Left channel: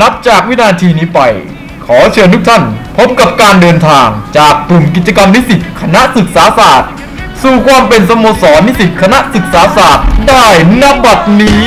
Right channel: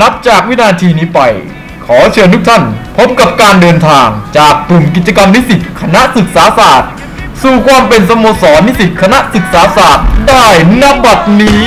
นับจากวินาทีนี้ไป ขอเชิญทุกท่าน พบกับการเดินทางจากกลุ่มกิจกรรมนิสิตคณะศึกษาศาสตร์ สู่ความเป็นสโมสรนิสิตคณะศึกษาศาสตร์ได้นับบัดนี้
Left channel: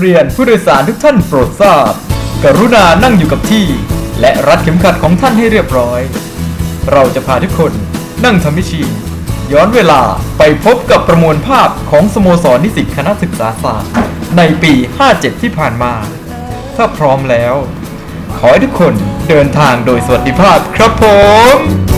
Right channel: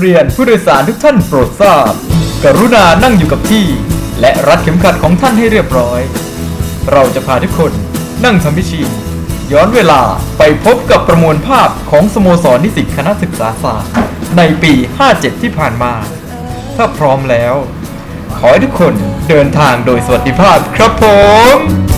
เรียนผู้โดยสารทุกท่านโปรดทราบ กรุณานั่งอยู่กับที่ และรัดเข็มขัดของท่านให้เรียบร้อย เราจะพาทุกคนนั่งทำมิชีย้อนเวลาไปพบกับประมวลภาพของสโมสรนิสิตคณะศึกษาศาสตร์ ในปี 57 ที่ผ่านมา ถ้าพร้อมแล้ว ขอให้ทุกคนเดินทางโดยสวัสดิภาพครับผม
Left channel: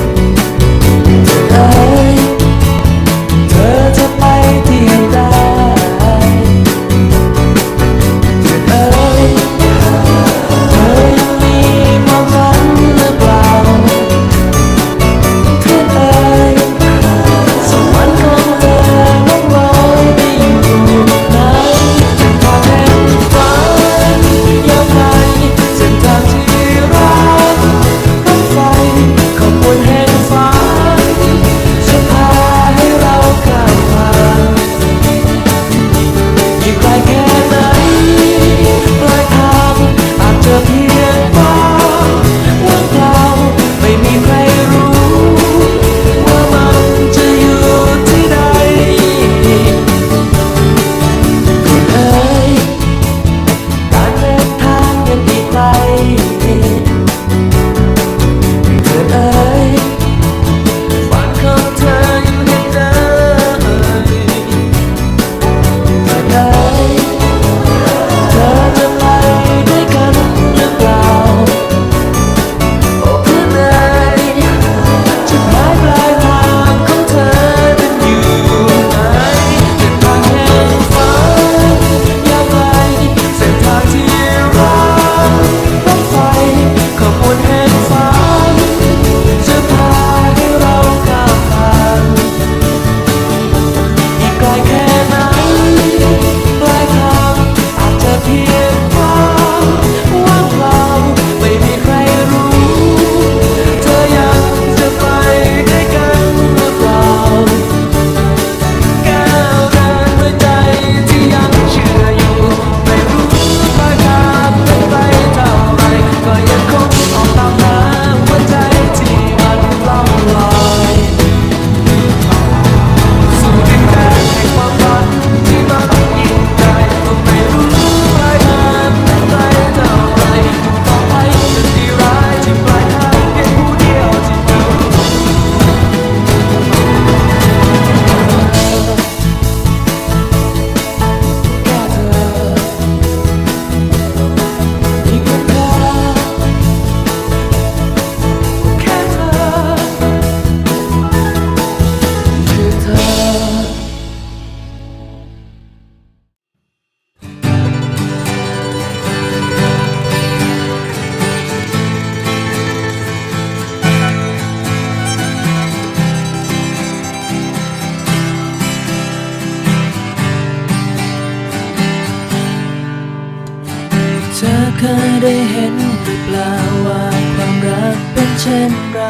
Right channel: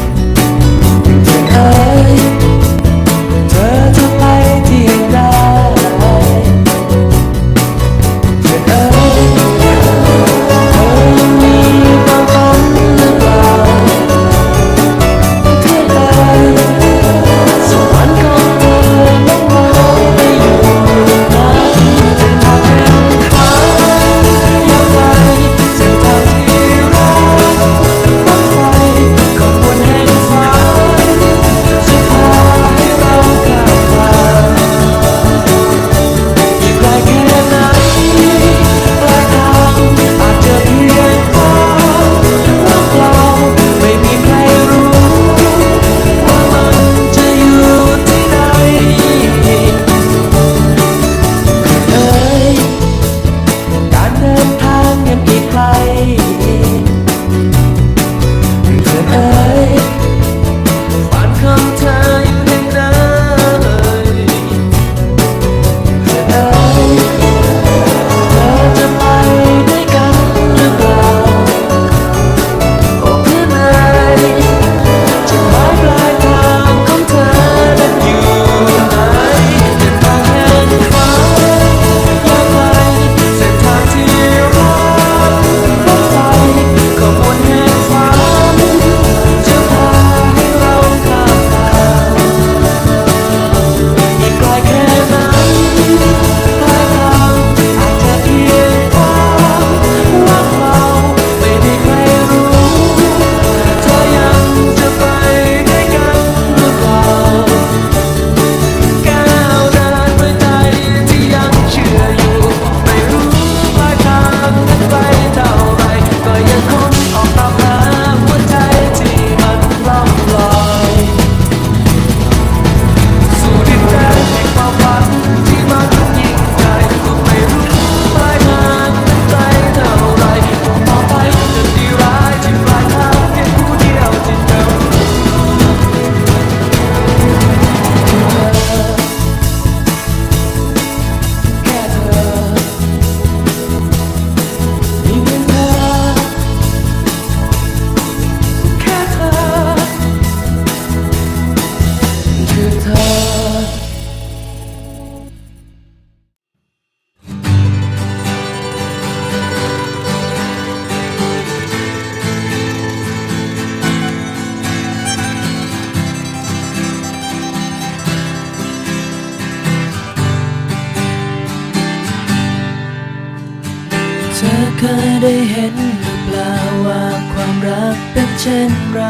ไร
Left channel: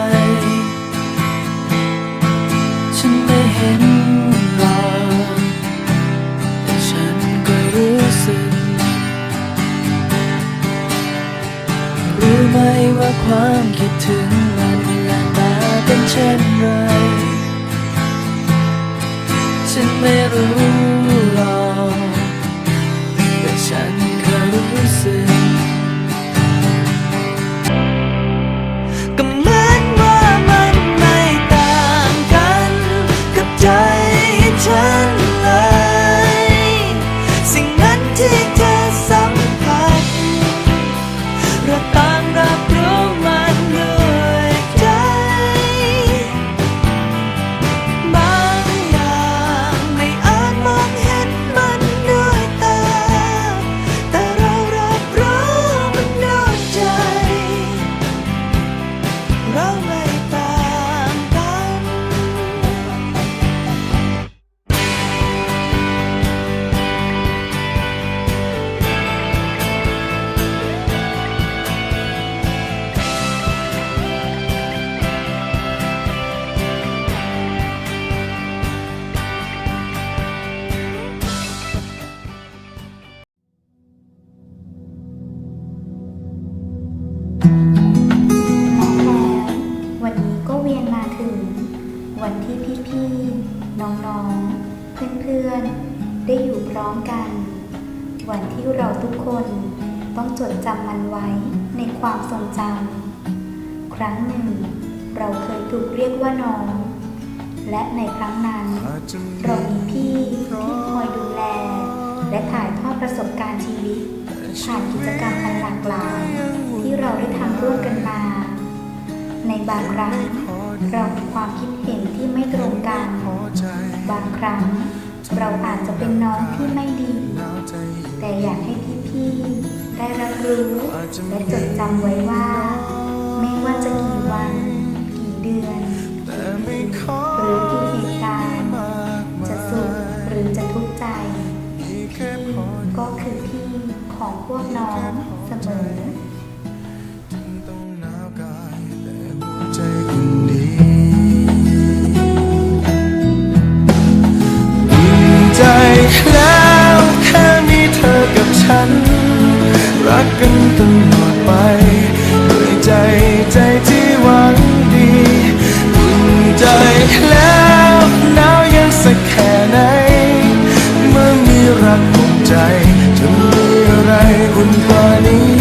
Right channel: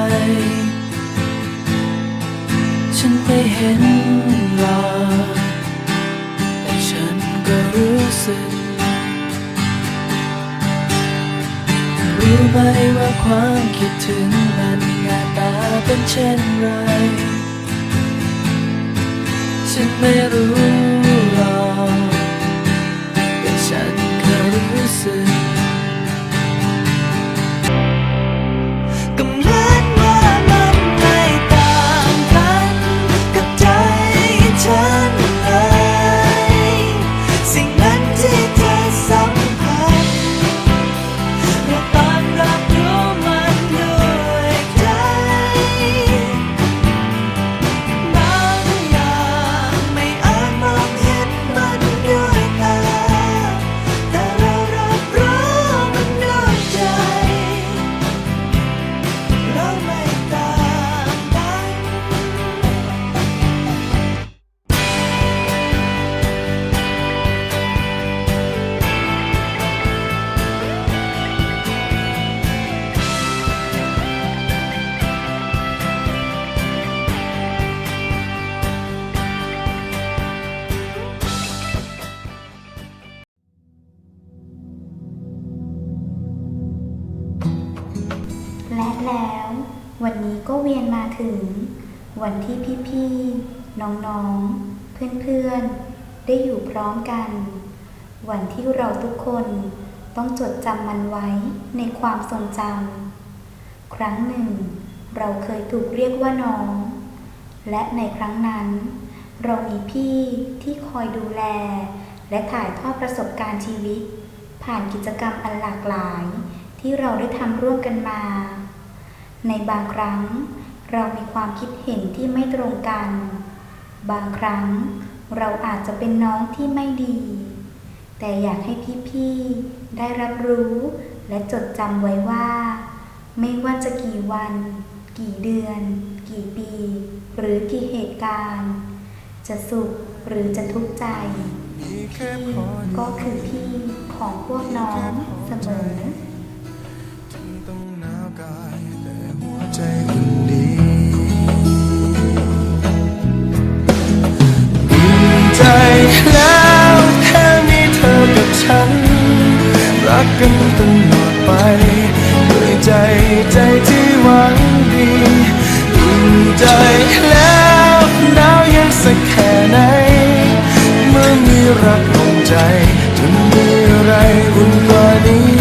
ฉันไม่เห็นหรอกแต่ฉันก็รู้สึก รู้ไหมว่าความคิดถึงมันหน้าตาเป็นเช่นไร ฉันไม่รู้หรอกแต่ฉันก็รู้สึก วันที่พี่ๆ น้องๆ เพื่อนๆ ได้อยู่พร้อมกัน วันที่เราทุกคนต้องจดจำมันไว้ในความทรงจำ ครั้งหนึ่ง เราเคยถูกเรียกว่าน้อง และในครั้งนั้น เรามีพี่ที่คอยดูแล และถ่ายทอดประสบการณ์ชีวิต ผ่านกิจกรรมอันหลากหลาย ที่เราได้ทำร่วมกันมา ในบางครั้ง เรามีความคิดเห็นที่ไม่ตรงกัน บางครั้งเราอาจจะเป็นน้องที่ไม่ดี แต่อยากให้พี่ๆ ได้รับรู้ และจดจำไว้ว่า ไม่ว่าจะกี่วัน กี่เดือน กี่ปี หรือกี่เหตุการณ์ จะสุขหรือจะทุกข์ใจ พี่ก็คือพี่ของพวกน้องเสมอ ใจ แล้วแค่มีเธอกับฉัน รักกันตลอดไป ด้วยใจใจที่หวังดีอุ่นใจแล้วหนาวยังสักแค่ไหน เมื่อมีรักของใจ จะมีอะไรอุ่นกว่านี้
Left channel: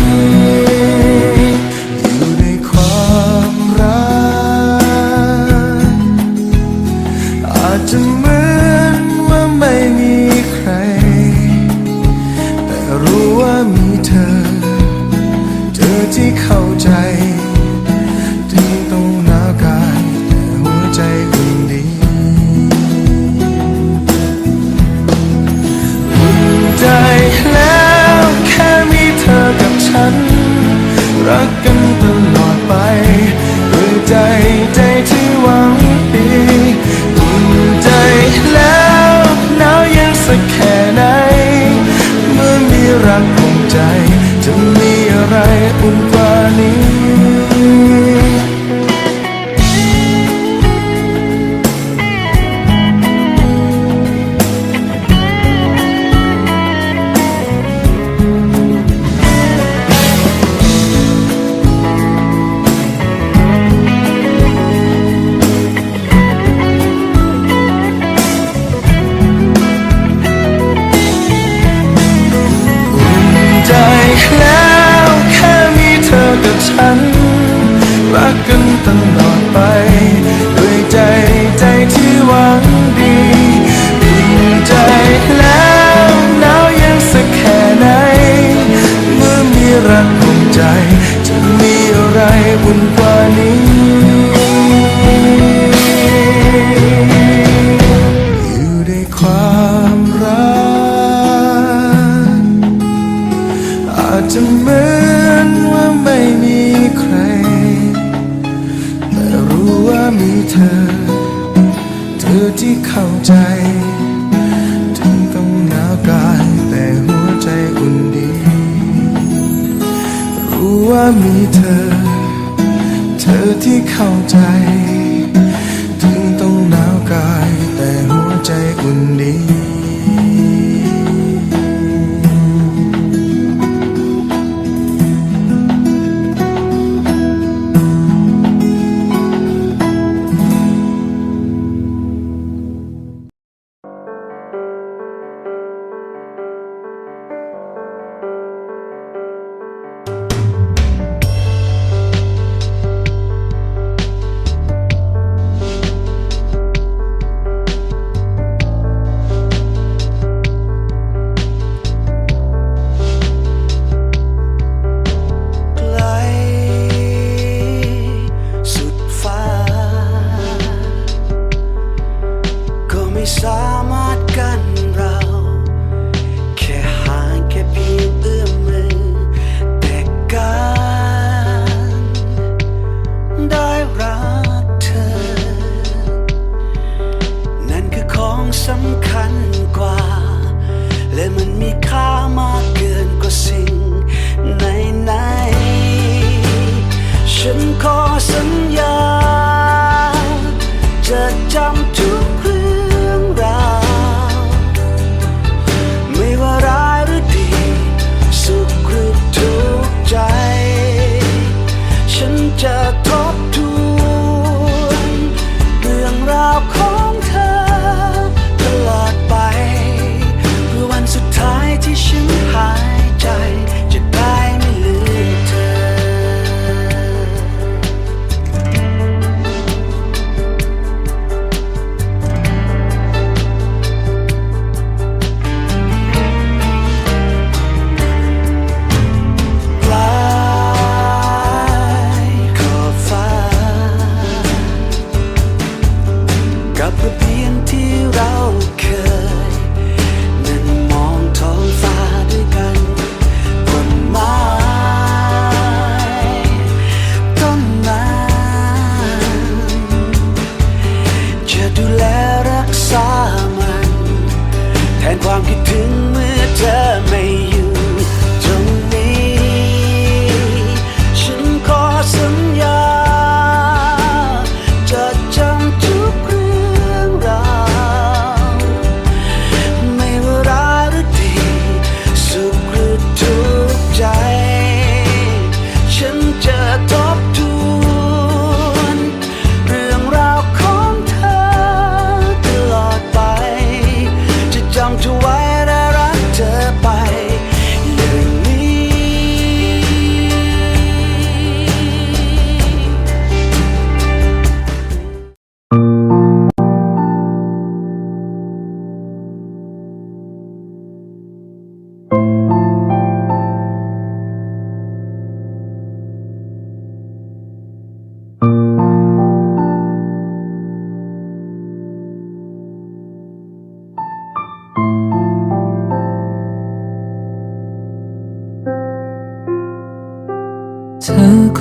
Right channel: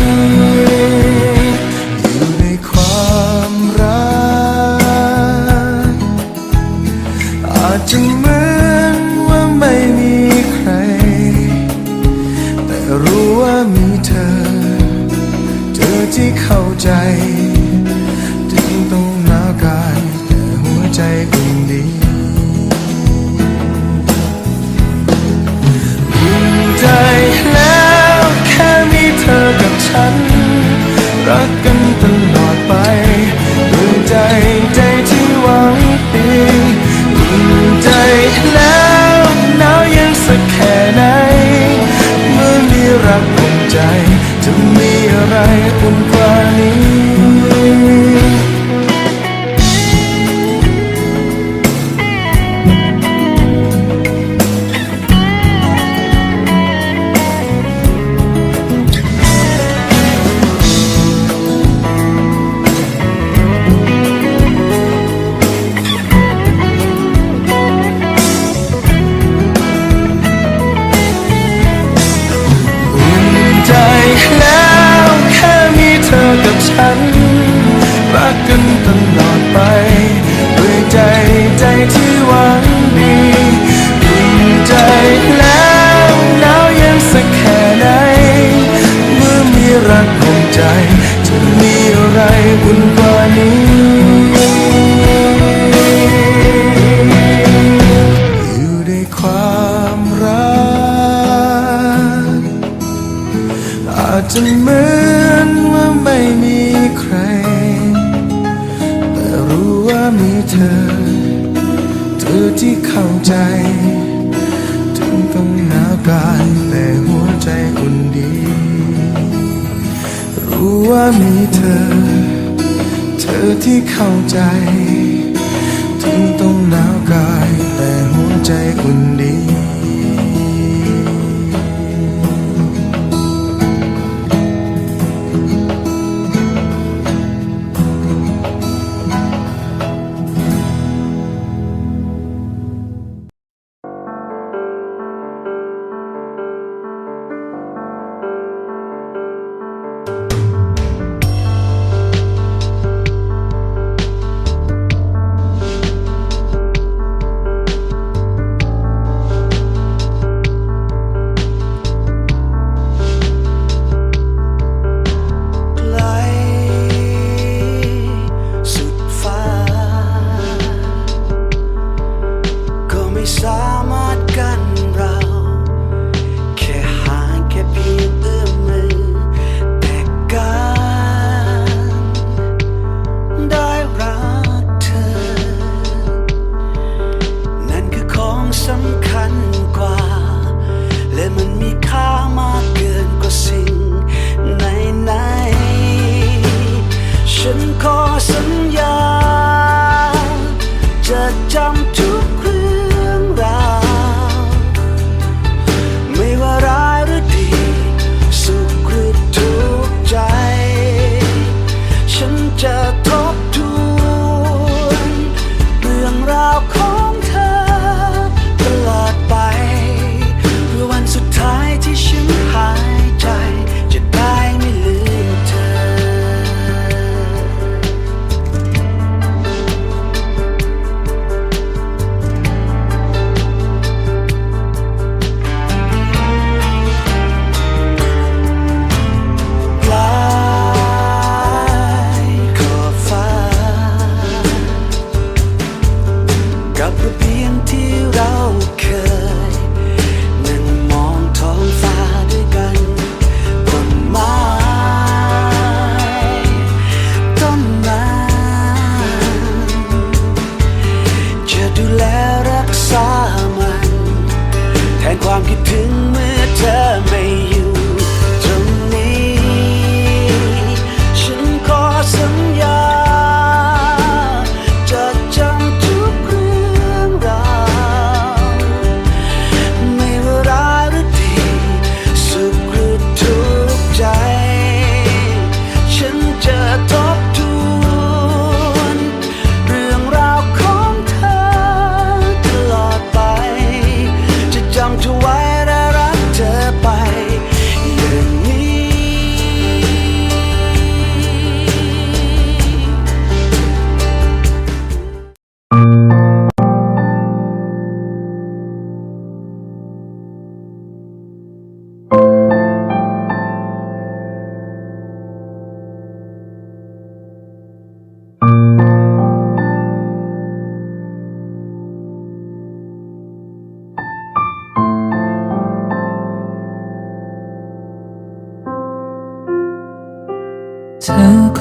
สักแค่ไหน เมื่อมีรักคงใจ จะมีอะไรอุ่นกว่านี้ กันตลอดไป ด้วยใจใจที่หวังดีอุ่นใจแล้วหนาวเย็นสักแค่ไหน เมื่อมีรักของใจ จะมีอะไรอุ่นกว่านี้อยู่ในความรักอาจจะเหมือน เธอ เธอที่เข้าใจ ถึงต้องหนาวกายแต่หัวใจอุ่นดี รู้ว่ามีเธอ เธอที่เข้าใจ ถึงต้องหนาวกายแต่หัวใจอุ่นดี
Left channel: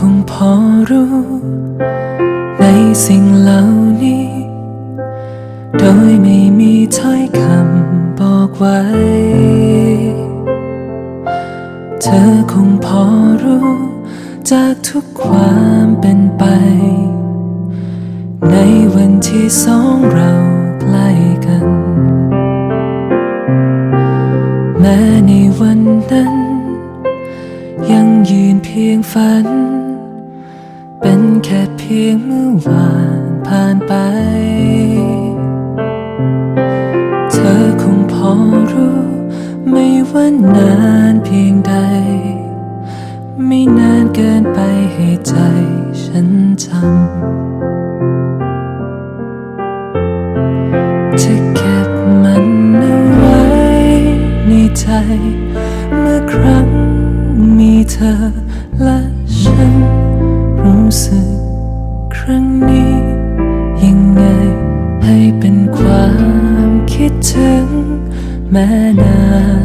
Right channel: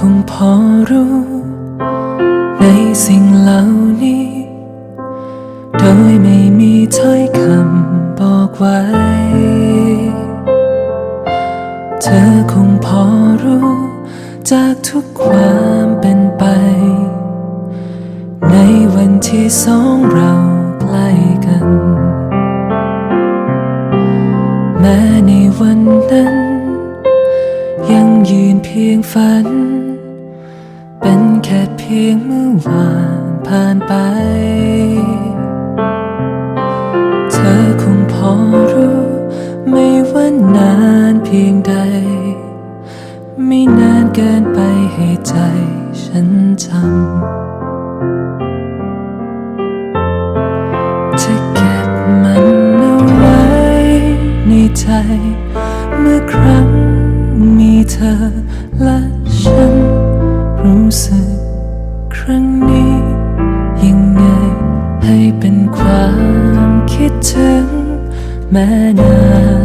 งพอรู้ ในสิ่งเหล่านี้ โดยไม่มีถ้อยคำบอกไว้ เธอคงพอรู้ จากทุกความเป็นไป ในวันที่สองเราใกล้กัน แม้ในวันนั้นยังยืนเพียงฝัน เป็นแค่เพียงเมื่อวานผ่านไป เธอคงพอรู้ ไม่ว่านานเพียงใด ไม่นานเกินไปให้ใจฉันจำจะเก็บมันเอาไว้ในใจ เมื่อครั้งมีเธอและฉัน รู้สึกครั้งนี้ ยังไงให้เป็นความคิดถึง แม้นา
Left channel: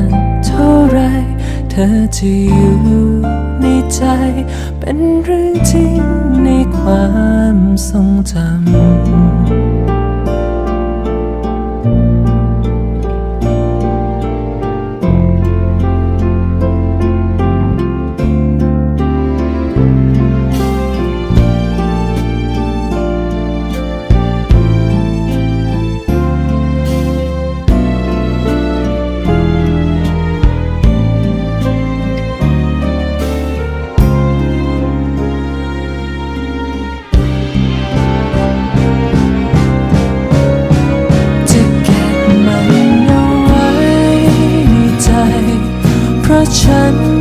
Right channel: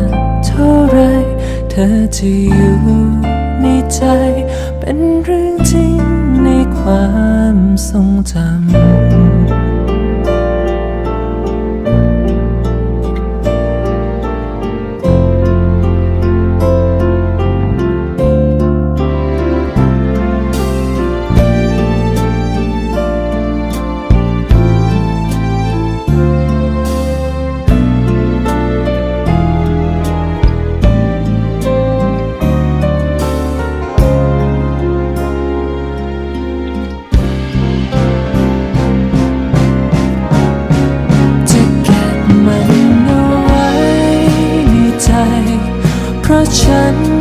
นเท่าไร เธอจะอยู่ในใจ เป็นเรื่องจริงในความทรงจำ ฉัน